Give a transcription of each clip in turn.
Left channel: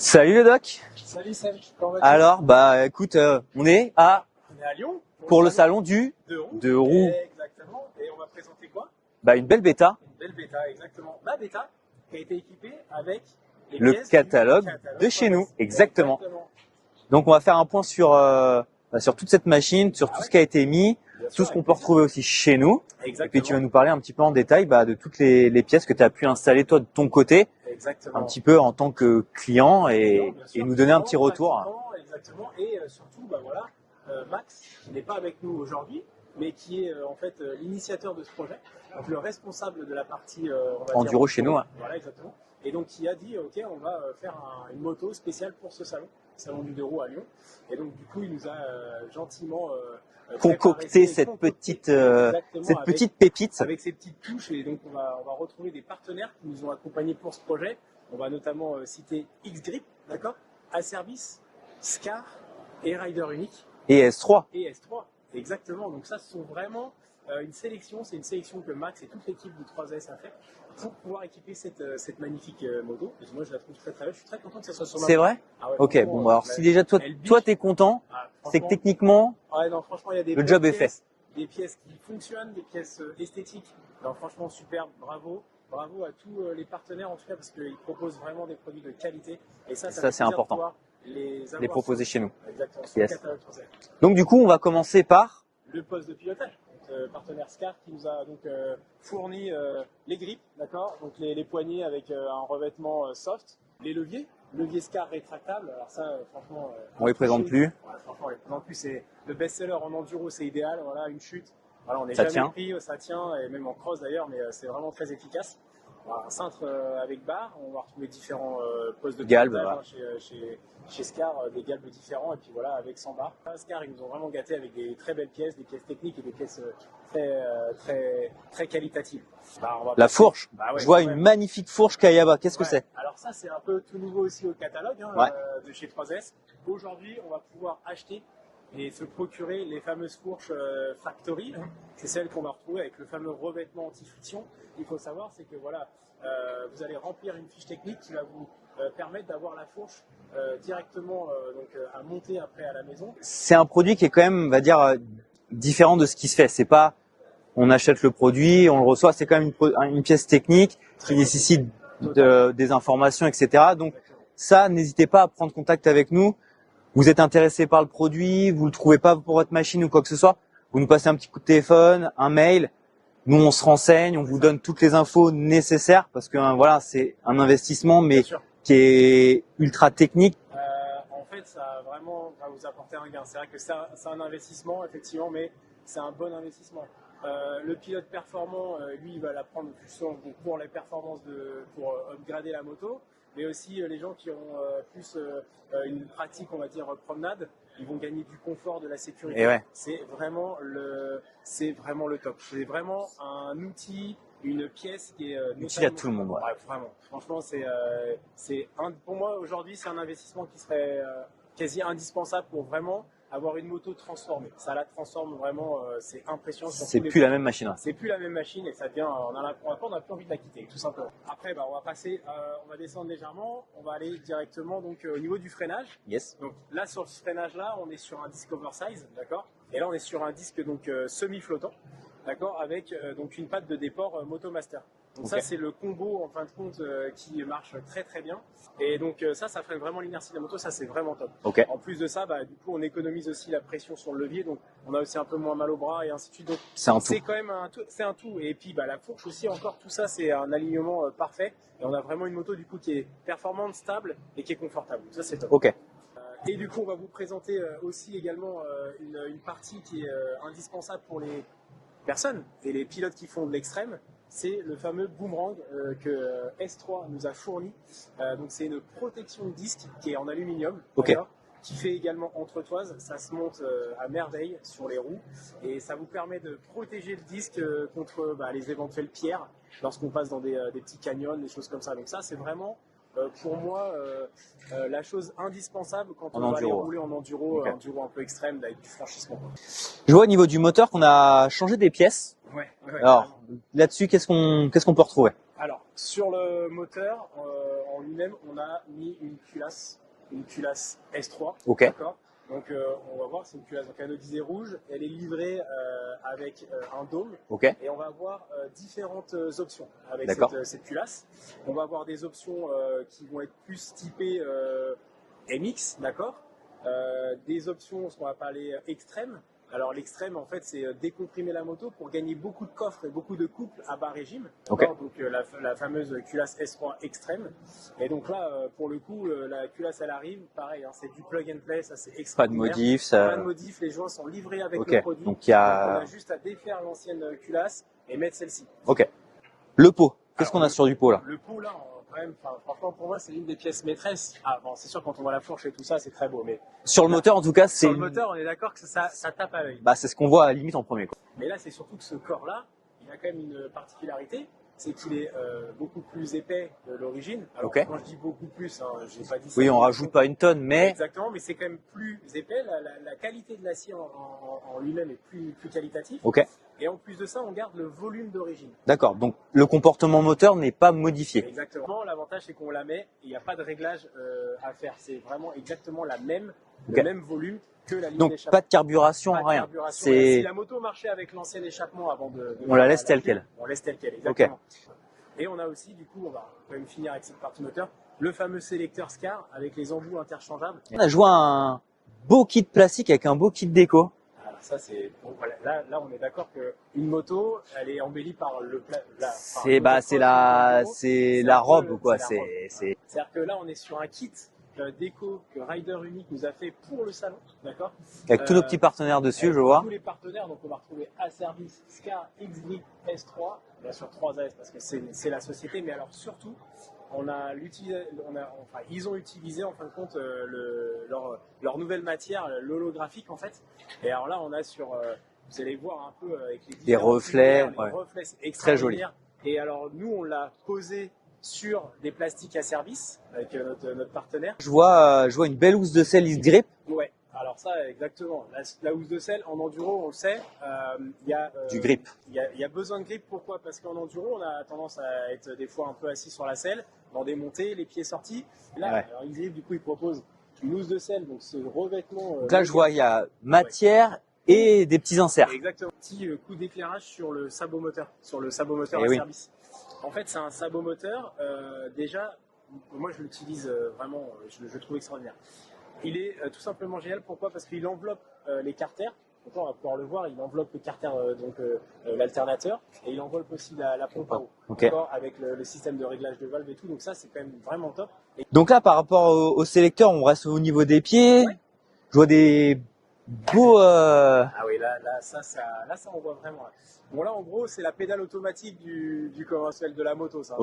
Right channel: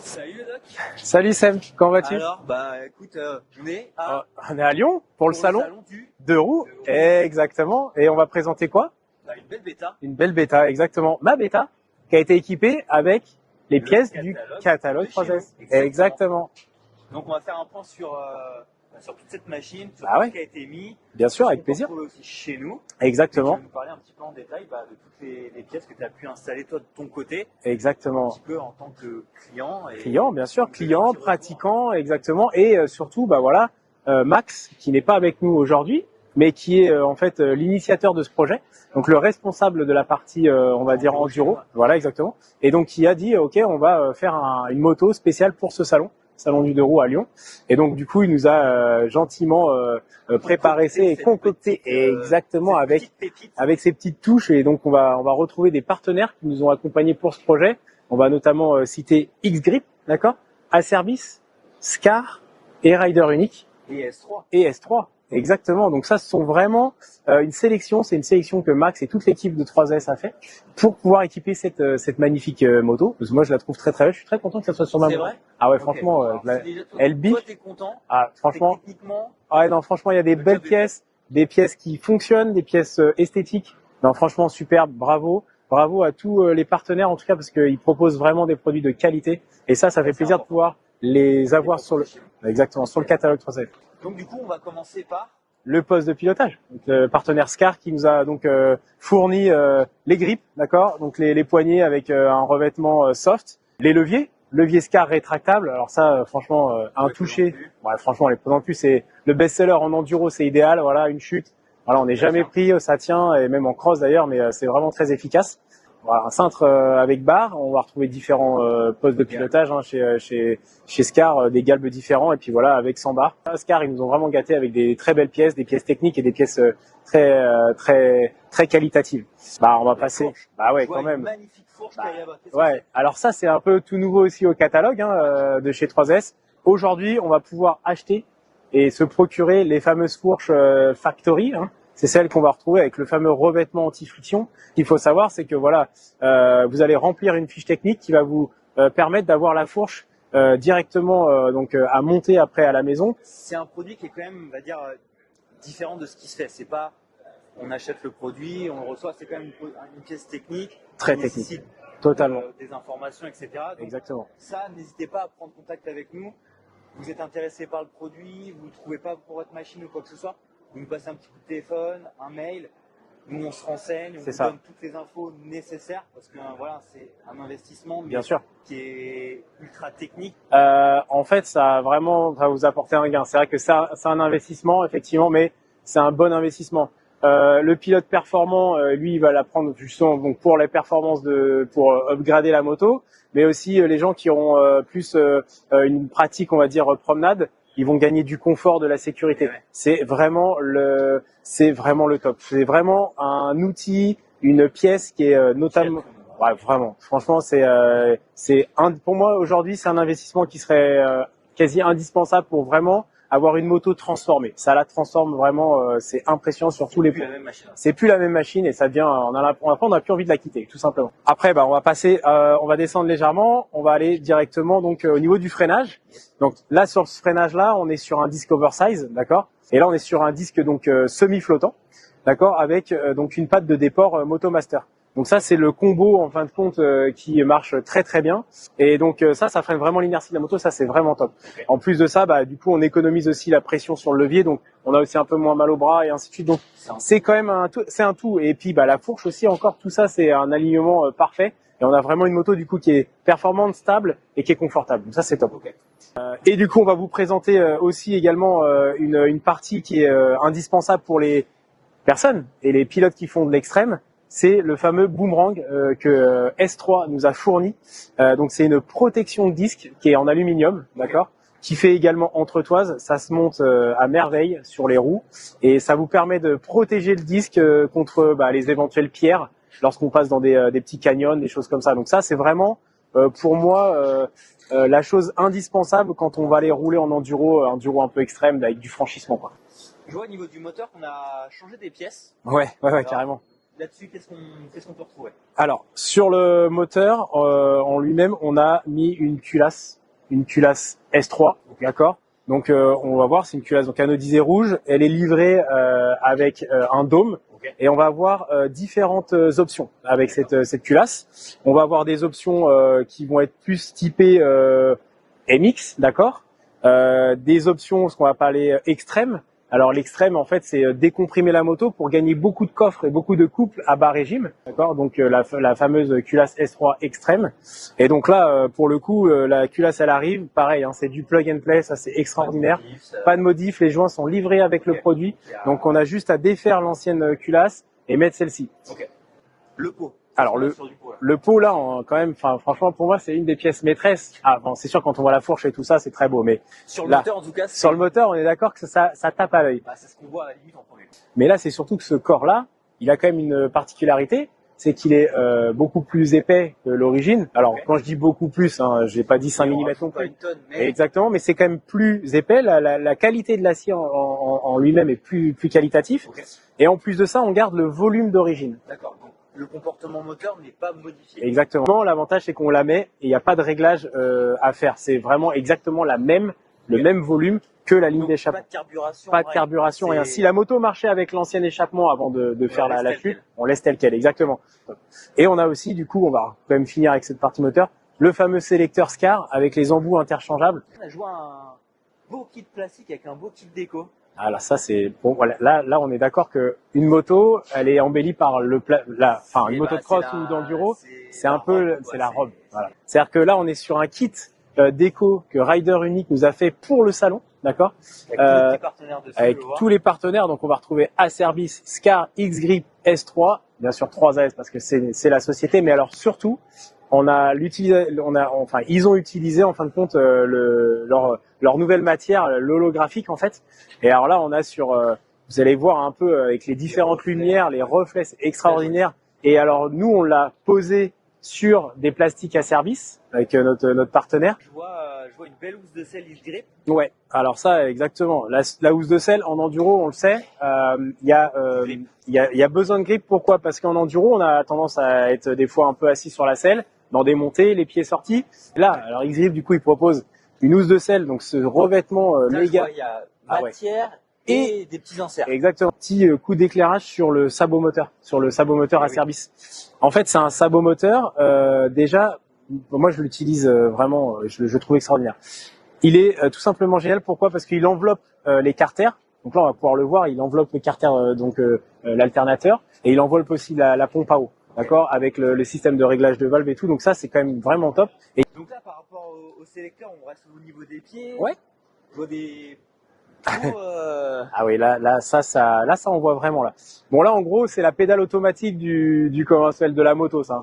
Salut le doc. Salut Seb, comment vas-tu? Alors, écoute, on est à Lyon pour le salon du deux roues. Deux roues. Exactement. Et on va présenter quoi? une belle bêta. Une belle bêta, exactement. Ma bêta qui a été équipée avec les pièces du catalogue de chez 3S. nous. Exactement. Donc on va faire un point sur toute cette machine, sur tout ce qui a été mis, Bien tout sûr, ce avec qu'on peut plaisir. retrouver aussi chez nous. Exactement. Et tu vas nous parler un petit peu en détail de toutes les pièces que tu as pu installer toi de ton côté. Exactement. Un petit peu en tant que client et bien sûr, nous donner un petit retour. pratiquant, exactement. Et surtout, Max, qui n'est pas avec nous aujourd'hui, mais qui est en fait l'initiateur de ce projet. Donc le responsable de la partie, on va dire, enduro chez nous. Voilà, exactement. Et donc qui a dit, ok, on va faire une moto spéciale pour ce salon du deux roues à Lyon. Et donc du coup, il nous a gentiment préparé cette petite pépite, avec ses petites touches. Et donc on va retrouver des partenaires qui nous ont accompagnés pour ce projet. On va notamment citer X-Grip, d'accord, A-Service, Scar et Rider Unique et S3. Exactement. Donc ça, ce sont vraiment une sélection. C'est une sélection que Max et toute l'équipe de 3S a fait pour pouvoir équiper cette magnifique moto. Parce que moi, je la trouve très très belle. Je suis très content que ça soit sur ma moto. C'est vrai? Ah ouais, Ok. franchement. Alors si déjà toi t'es content, c'est que techniquement. Ah ouais, non, franchement, il y a des belles pièces, des pièces qui fonctionnent, des pièces esthétiques. Non, franchement, superbe. Bravo. Bravo à tous les partenaires en tout cas parce qu'ils proposent vraiment des produits de qualité. Et ça fait plaisir de pouvoir les avoir chez nous. Exactement, sur le catalogue 3S. Donc du coup, on va commencer par le poste de pilotage. Donc, le partenaire Scar qui nous a donc fourni les grippes, d'accord, donc les poignées avec un revêtement soft, les leviers Scar rétractable. Alors ça, franchement, un touché. Ouais, franchement, on les présente plus. C'est le best-seller en enduro, c'est idéal. Voilà, une chute. Voilà, on n'est jamais pris, ça tient, et même en cross d'ailleurs, mais c'est vraiment très efficace. Voilà, un cintre avec barre, on va retrouver différents postes de pilotage chez Scar, des galbes différents, et puis voilà, avec 100 barres. Scar, ils nous ont vraiment gâtés avec des très belles pièces, des pièces techniques et des pièces très qualitatives. On va passer. Fourche. Je vois une magnifique fourche Kayaba. Qu'est-ce que c'est? Alors ça, c'est un peu tout nouveau aussi au catalogue de chez 3S. Aujourd'hui, on va pouvoir acheter et se procurer les fameuses fourches Factory. C'est celle qu'on va retrouver avec le fameux revêtement anti-friction. Ce qu'il faut savoir, c'est que vous allez remplir une fiche technique qui va vous permettre d'avoir la fourche directement à monter après à la maison. C'est un produit qui est quand même, on va dire, différent de ce qui se fait. C'est pas, on achète le produit, on le reçoit. C'est quand même une pièce technique qui nécessite des informations, etc. Donc Exactement. ça, n'hésitez pas à prendre contact avec nous. Vous êtes intéressé par le produit, vous le trouvez pas pour votre machine ou quoi que ce soit. Vous nous passez un petit coup de téléphone, un mail. Nous, on se renseigne, on vous donne toutes les infos nécessaires parce que c'est un investissement, mais qui est ultra technique. En fait, ça va vous apporter un gain. C'est vrai que c'est un investissement, effectivement, mais c'est un bon investissement. Le pilote performant, lui, il va la prendre justement pour les performances pour upgrader la moto, mais aussi les gens qui auront plus une pratique, on va dire, promenade. Ils vont gagner du confort, de la sécurité. C'est vraiment le top. C'est vraiment un outil, une pièce qui est notamment. Tout le monde. Ouais, vraiment. Franchement, pour moi aujourd'hui, c'est un investissement qui serait quasi indispensable pour vraiment avoir une moto transformée. Ça la transforme vraiment. C'est impressionnant sur tous les. C'est plus la même machine. C'est plus la même machine et ça devient. On n'a plus envie de la quitter, tout simplement. Après, on va passer. On va descendre légèrement. On va aller directement au niveau du freinage. Yes. Donc là, sur ce freinage-là, on est sur un disque oversize, d'accord. Et là, on est sur un disque semi-flottant, d'accord, avec une patte de déport Motomaster. Donc ça, c'est le combo en fin de compte qui marche très très bien. Et donc ça freine vraiment l'inertie de la moto. Ça, c'est vraiment top. En plus de ça, du coup, on économise aussi la pression sur le levier. Donc on a aussi un peu moins mal au bras et ainsi de suite. Donc c'est quand même un tout. Et puis la fourche aussi, encore tout ça, c'est un alignement parfait. Et on a vraiment une moto du coup qui est performante, stable et qui est confortable. Donc ça, c'est top. Et du coup, on va vous présenter aussi également une partie qui est indispensable pour les personnes et les pilotes qui font de l'extrême. C'est le fameux boomerang que S3 nous a fourni. Donc c'est une protection de disque qui est en aluminium, d'accord, qui fait également entretoise. Ça se monte à merveille sur les roues et ça vous permet de protéger le disque contre les éventuelles pierres lorsqu'on passe dans des petits canyons, des choses comme ça. Donc ça, c'est vraiment pour moi la chose indispensable quand on va aller rouler en enduro, enduro un peu extrême avec du franchissement, quoi. Je vois au niveau du moteur qu'on a changé des pièces. Ouais, carrément. Là-dessus, qu'est-ce qu'on peut retrouver? Alors, sur le moteur en lui-même, on a mis une culasse S3, d'accord. Donc on va voir, c'est une culasse donc anodisée rouge. Elle est livrée avec un dôme, et on va avoir différentes options avec cette culasse. On va avoir des options qui vont être plus typées MX, d'accord. Des options, ce qu'on va appeler extrêmes. Alors l'extrême, en fait, c'est décomprimer la moto pour gagner beaucoup de coffres et beaucoup de couples à bas régime, d'accord. Donc la fameuse culasse S3 extrême. Et donc là, pour le coup, la culasse, elle arrive, pareil, hein, c'est du plug and play, ça c'est extraordinaire. Pas de modif, les joints sont livrés avec le produit. Donc on a juste à défaire l'ancienne culasse et mettre celle-ci. Le pot. Qu'est-ce qu'on a sur du pot là? Le pot là, quand même, franchement pour moi c'est une des pièces maîtresses. Ah bon, c'est sûr quand on voit la fourche et tout ça, c'est très beau, mais sur le moteur en tout cas, sur le moteur, on est d'accord que ça tape à l'œil. Bah c'est ce qu'on voit à la limite en premier, quoi. Mais là, c'est surtout que ce corps là, il a quand même une particularité, c'est qu'il est beaucoup plus épais que l'origine. Alors quand je dis beaucoup plus, hein, j'ai pas dit 5 mm. On rajoute pas une tonne, mais exactement, mais c'est quand même plus épais. La qualité de l'acier en lui-même est plus qualitatif. Et en plus de ça, on garde le volume d'origine. D'accord. Donc le comportement moteur n'est pas modifié. Exactement. L'avantage, c'est qu'on la met et il n'y a pas de réglage à faire. C'est vraiment exactement le même volume que la ligne d'échappement. Pas de carburation. Pas de carburation. Rien. Si la moto marchait avec l'ancien échappement avant de on faire la laisse telle quelle. On laisse telle quelle, exactement. Et on a aussi, du coup, on va quand même finir avec cette partie moteur, le fameux sélecteur SCAR avec les embouts interchangeables. On a joué un beau kit plastique avec un beau kit déco. Alors ça c'est bon, voilà, là on est d'accord que une moto, elle est embellie par une motocross ou d'enduro, c'est la robe, quoi. C'est-à-dire que là on est sur un kit déco que Rider Unique nous a fait pour le salon, d'accord. Avec tous les petits partenaires dessus, avec je vois. tous les partenaires, donc on va retrouver Aservice, SCAR, X-Grip, S3, bien sûr 3AS parce que c'est la société, mais alors surtout ils ont utilisé en fin de compte leur nouvelle matière, l'holographique en fait. Et alors là, on a vous allez voir un peu avec les différentes lumières, les reflets, c'est extraordinaire. Et alors nous, on l'a posé sur des plastiques Aservice avec notre partenaire. Je vois une belle housse de selle X-Grip. Ouais. Alors ça, exactement. La housse de selle en enduro, on le sait, il y a besoin de grip. Pourquoi? Parce qu'en enduro, on a tendance à être des fois un peu assis sur la selle, dans des montées, les pieds sortis. Là, alors X-Grip, du coup, il propose une housse de selle, donc ce revêtement. Là, je vois, il y a matière et des petits inserts. Exactement. Petit coup d'éclairage sur le sabot moteur, Aservice. En fait, c'est un sabot moteur. Déjà, moi, je l'utilise vraiment. Je le trouve extraordinaire. Il est tout simplement génial. Pourquoi? Parce qu'il enveloppe les carters. Donc là, on va pouvoir le voir. Il enveloppe le carter, l'alternateur, et il enveloppe aussi la pompe à eau, d'accord, avec le système de réglage de valve et tout. Donc ça, c'est quand même vraiment top. Et donc là, par rapport au sélecteur, on reste au niveau des pieds. Je vois des beaux. Ah oui, là, ça, on voit vraiment là. Bon, là, en gros, c'est la pédale automatique du conventionnel de la moto, ça.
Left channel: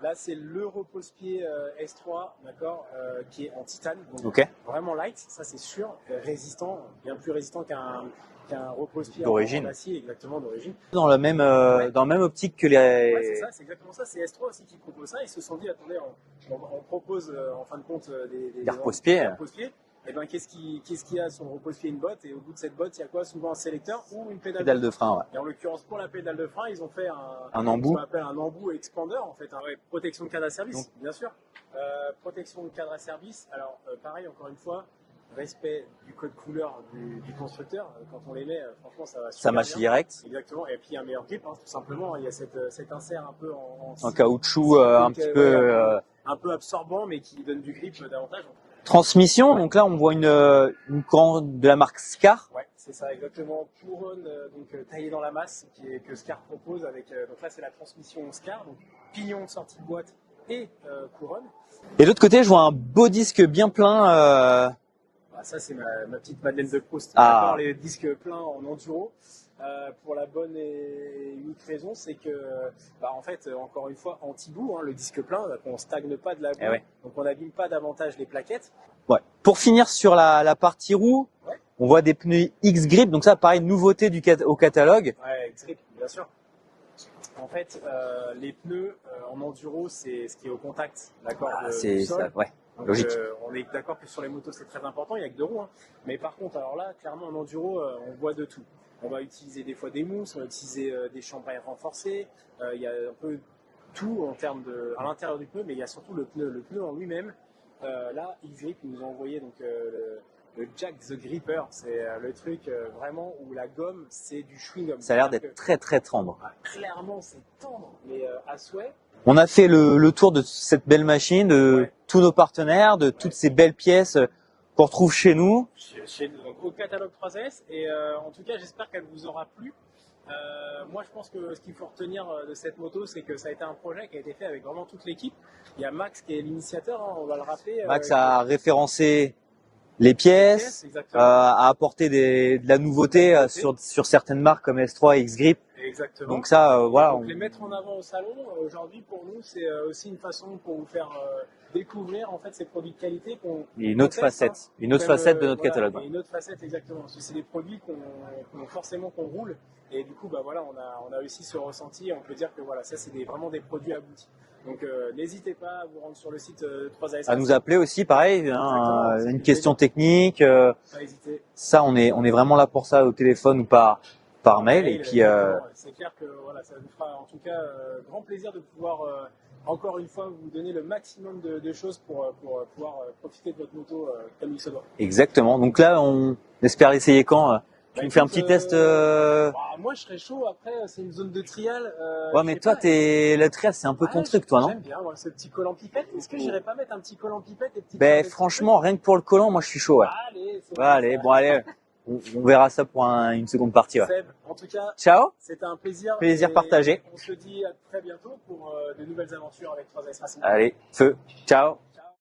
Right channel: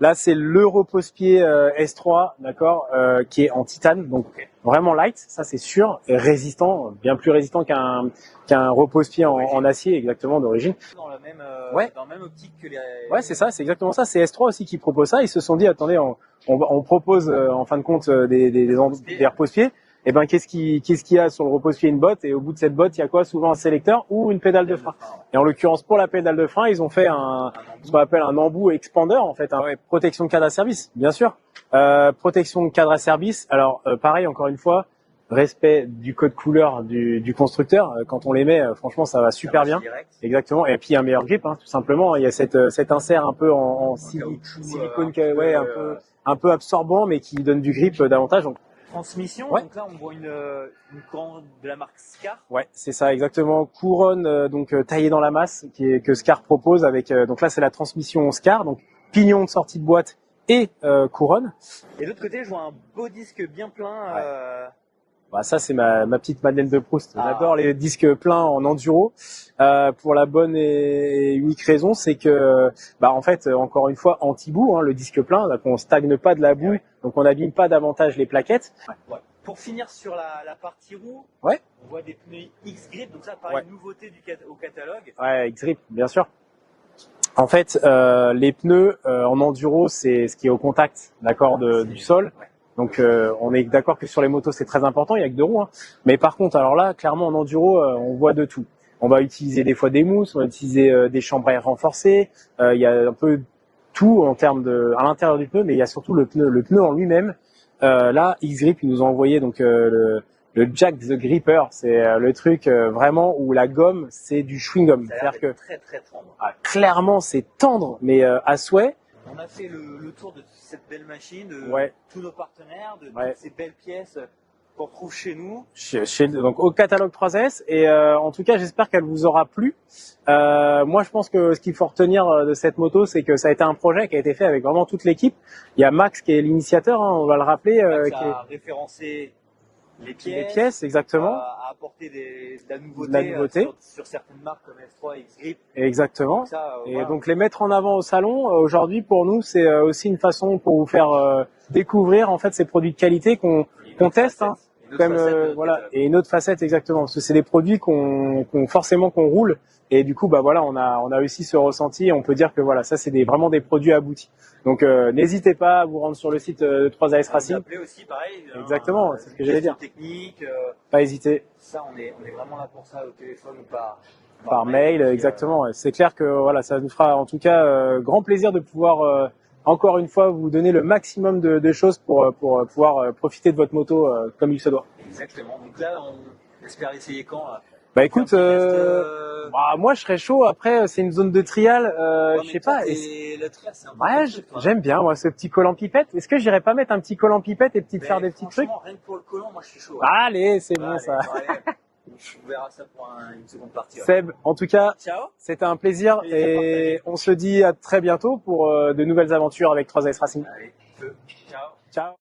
Là, c'est le repose-pied S3, d'accord, qui est en titane, donc vraiment light, ça c'est sûr, et résistant, bien plus résistant qu'un repose-pied en acier, exactement, d'origine. Dans la même optique que les. Ouais, c'est ça, c'est exactement ça. C'est S3 aussi qui propose ça. Ils se sont dit, attendez, on propose en fin de compte des repose-pieds. Et ben qu'est-ce qu'il y a sur le repose-pied? Une botte, et au bout de cette botte, il y a quoi? Souvent un sélecteur ou une pédale de frein. Et en l'occurrence, pour la pédale de frein, ils ont fait un embout, ce qu'on appelle un embout expander en fait, protection de cadre à service, bien sûr. Protection de cadre à service. Alors pareil, encore une fois, respect du code couleur du constructeur. Quand on les met, franchement, ça va super bien. Direct. Exactement. Et puis un meilleur grip, hein, tout simplement. Il y a cet insert un peu en caoutchouc, un peu absorbant, mais qui donne du grip davantage. Donc, transmission, donc là on voit une couronne de la marque SCAR. Ouais, c'est ça exactement, couronne taillée dans la masse que SCAR propose avec donc là c'est la transmission SCAR, donc pignon de sortie de boîte et couronne. Et de l'autre côté, je vois un beau disque bien plein. Ça c'est ma petite Madeleine de Proust. J'adore les disques pleins en enduro. Pour la bonne et unique raison, c'est que en fait encore une fois anti-boue, hein, le disque plein, donc on stagne pas de la boue, donc on n'abîme pas davantage les plaquettes. Pour finir sur la partie roue, on voit des pneus X-Grip, donc ça pareil, nouveauté au catalogue. Ouais, X-Grip, bien sûr. En fait, les pneus en enduro, c'est ce qui est au contact, d'accord, du sol. Ouais. Donc on est d'accord que sur les motos c'est très important, il y a que 2 roues. Hein. Mais par contre, alors là, clairement en enduro, on voit de tout. On va utiliser des fois des mousses, on va utiliser des chambres à air renforcées. Il y a un peu tout en termes de à l'intérieur du pneu, mais il y a surtout le pneu en lui-même. Là, X-Grip ils nous ont envoyé donc le Jack the Gripper, c'est le truc vraiment où la gomme c'est du chewing gum. Ça a l'air d'être très très tendre. Clairement, c'est tendre, mais à souhait. On a fait le tour de cette belle machine, de tous nos partenaires, de toutes ces belles pièces qu'on retrouve chez nous. Donc au catalogue 3S. Et en tout cas, j'espère qu'elle vous aura plu. Moi, je pense que ce qu'il faut retenir de cette moto, c'est que ça a été un projet qui a été fait avec vraiment toute l'équipe. Il y a Max qui est l'initiateur, hein, on va le rappeler. Max a référencé les pièces, exactement. A apporté de la nouveauté, sur certaines marques comme S3 et X-Grip. Exactement. Donc ça, voilà. Donc les mettre en avant au salon, aujourd'hui pour nous, c'est aussi une façon pour vous faire découvrir en fait ces produits de qualité qu'on teste. Hein, une autre facette de notre catalogue. Et une autre facette exactement, parce que c'est des produits qu'on roule. Et du coup, bah voilà, on a réussi ce ressenti. Et on peut dire que voilà, ça c'est vraiment des produits aboutis. Donc n'hésitez pas à vous rendre sur le site de 3AS Racing. À nous appeler aussi, pareil. Exactement. Une question technique. Pas hésiter. Ça, on est vraiment là pour ça, au téléphone ou par mail. Puis, exactement. C'est clair que voilà, ça nous fera en tout cas grand plaisir de pouvoir encore une fois vous donner le maximum de choses pour pouvoir profiter de votre moto comme il se doit. Exactement. Donc là, on espère l'essayer quand écoute, faire un petit test. Moi, je serais chaud. Après, c'est une zone de trial. Ouais, mais toi, le trial, c'est un peu ton truc, toi, non? J'aime bien, moi, ce petit collant pipette. Est-ce que j'irais pas mettre un petit collant pipette et faire des franchement, rien que pour le collant, moi, je suis chaud. Ouais. Allez, c'est bon. Allez, ça. Bon, allez. On verra ça pour une seconde partie. Ouais. Seb, en tout cas, ciao. C'était un plaisir. Plaisir partagé. On se dit à très bientôt pour de nouvelles aventures avec 3AS Racing. Allez, feu. Ciao. Ciao.